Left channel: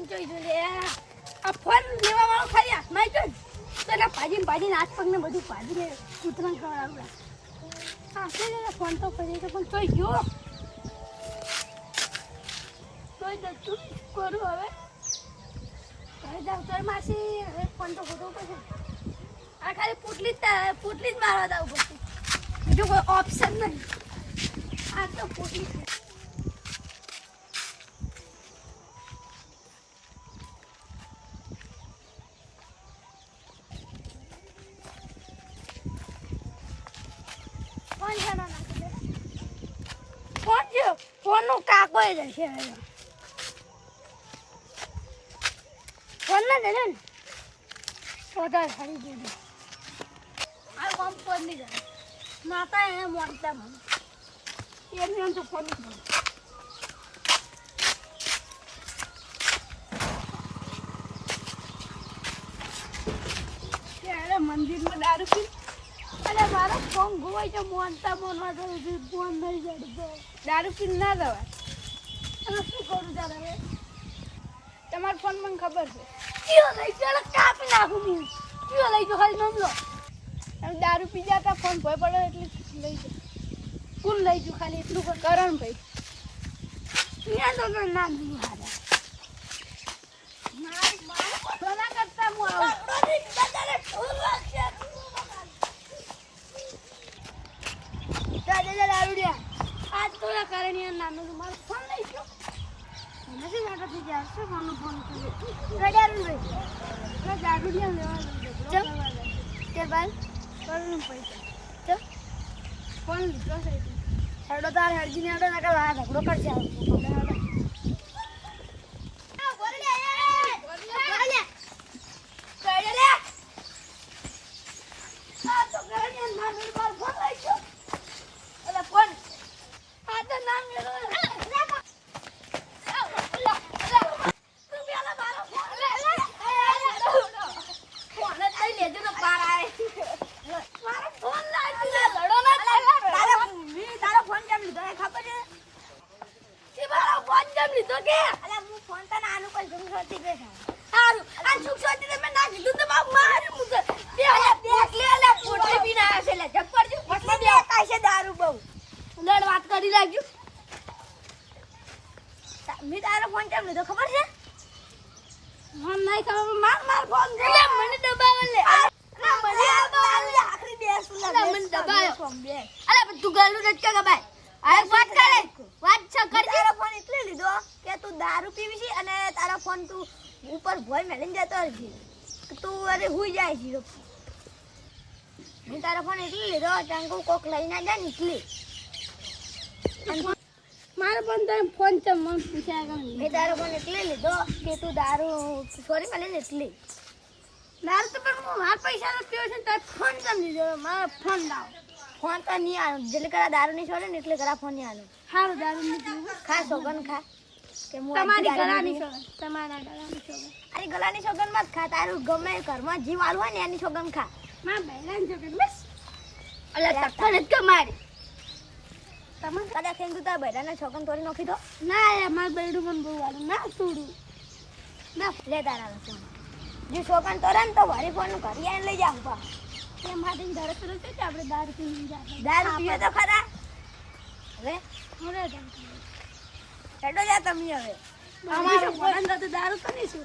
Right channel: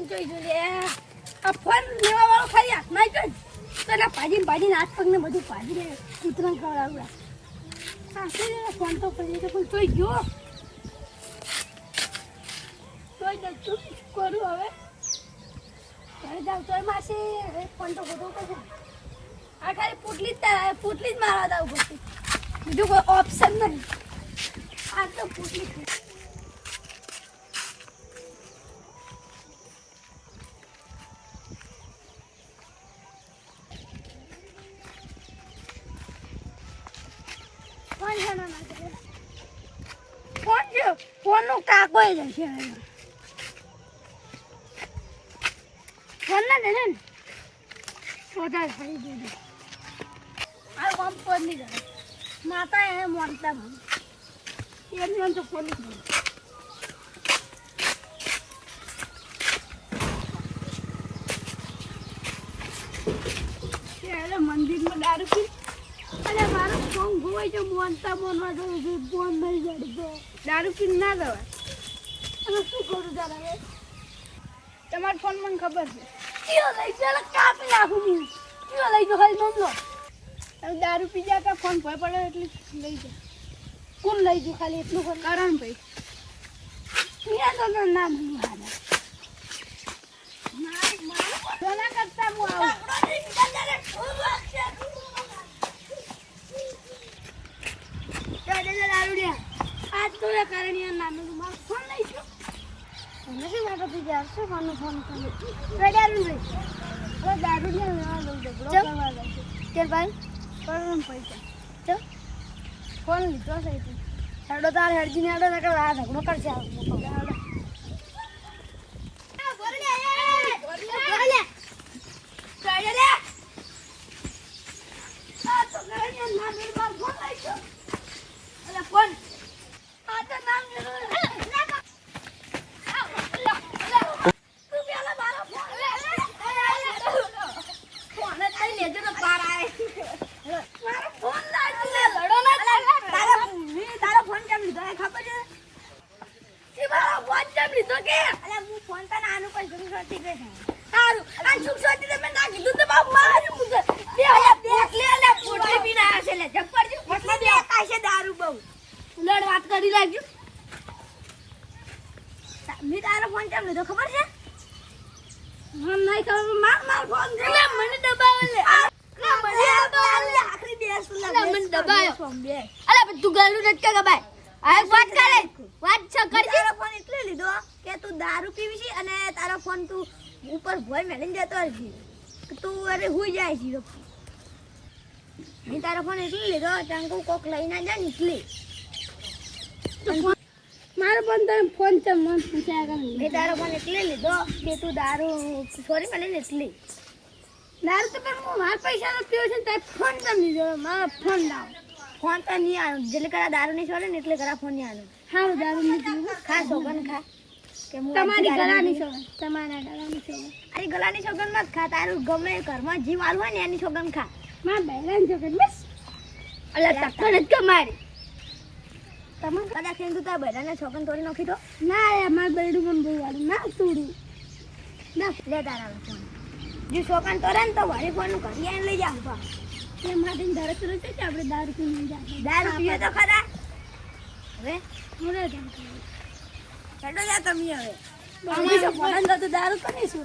phone જોઈ જો લે આ ફોન લેવા વાળો ખાલી હાથમાં જ તો ના ભાજીને હાથ પગને બધું ભાજીને કૂતરાને ખવડાવવા હા છે ફોન તો કરીએ તો પણ જોઈ ગયો જોઈ દઉં શું કરું હવે ઘરે જાઉં તો માસી હવે ફોન તો ગોતવો પડશે આ ખાલી પૂટલી જ મારવા દઉં પછી બીજું કોઈ ઓપ્શન નહીં આ તો પૂટલી ફોન નું કાકો જશે ફોન ના દે ને વધારે ખાઈ ગયો આ કામ ફોન નહીં જાય માતા એને મોડતા મને એમને તો ફોન નહીં ત્યારે મંદિરમાં દારૂ પી અરે મારો ફોન ગોવાય છે મોનતા મોનવા તો ફોન નહીં જડતો દારૂ પી ના જવાય અને શું કરું તારે હવે તમારા ફોન મને ખબર છે કયો લઈ ચાલો કાપી નાખું હું કયો લઈ જો ખાલી નમ લો હવે દારૂ પી જતા ફોન ભય પડે એટલે લઈ જાઓ કોણ લઈ જુ ખાલી એટલું કરણ ભાઈ ત્યાં તો નામ નહીં હારા મારા કરતા હું આવું આજ તો કારણ નાનું મારો ફોન લઈ ગયો તમે શું લાગો થઈ જાય શું માનો ફોન કર્યો દારૂ લઈ દારૂ ને લેવા દઉં ઝઘડો કરવા જાય કે ભાઈ કરું પૈસા ચો ફોન લીધો છે હેડો તાર હેડજી ને હેડો ને કે આ ઝઘડો કરશે હેડો વાત કરી લાગ્યું મેં તારો ફોન કેમ લીધો ખબર છે હા નહીં ખબર માર ફોન દે મને દબાવો લે આખરી બેસ મને દબાયો અલે તું ગાલું નટકા ગબાય આ વાત કરે વાત છ કરજે તારો ફોન એટલે લીધો કે તું દારૂ પીવી છે અને તારો ફોન તું ઉપર ભોય મેલીને જતો હતી તું અરે હુઈ જાય છે મેં તારો ફોન એટલે લીધો ચાંગુ કોક લઈને જાય ને એટલે મારો પણ તો ફોન છે મન પૂછ્યા કર મેં તારો ફોન એટલે લીધો કે તું દારૂ સોરી મને એટલે દારૂ તો પણ હું મારા પૈસા નો પીવો છે તો ફોન કેમ લીધો મારો ફોન લાવ ફોન તો નહીં આવ્યો જેટલે કરા દારૂ નહીં છોડે ને એટલે કરા ફોન નહીં આવ્યો સારું દારૂ નહીં પીવું ખા સોગન ખા કે તમારી ગળાની સોગન તમારા ગળાની સોગન અરે ગળાની સોગન મત ખા તારું ગમે ઘરમાં જીવ આલું હોય ને એની સોગન ખા મારા બૈરાની સોગન બસ અલા તકન જ કમારી તમે કદા ખેન તું તા બૈરાના સોગન તોડી નાખી દો ના એ માર બૈરું મને બહુ વાળું ના તોડું ના લે તારા ફોન જો સોગન તોડે ને તો મારી ફોન નું ઘરે આવીને લઈ જાવ પા તે માથે ધરે તો છે કે આપણે દારૂ પીને જાય દારૂ પીએ તો ખરા હવે મોરે જાવ હેડો જા તમે હવે દારૂ તો નહીં શું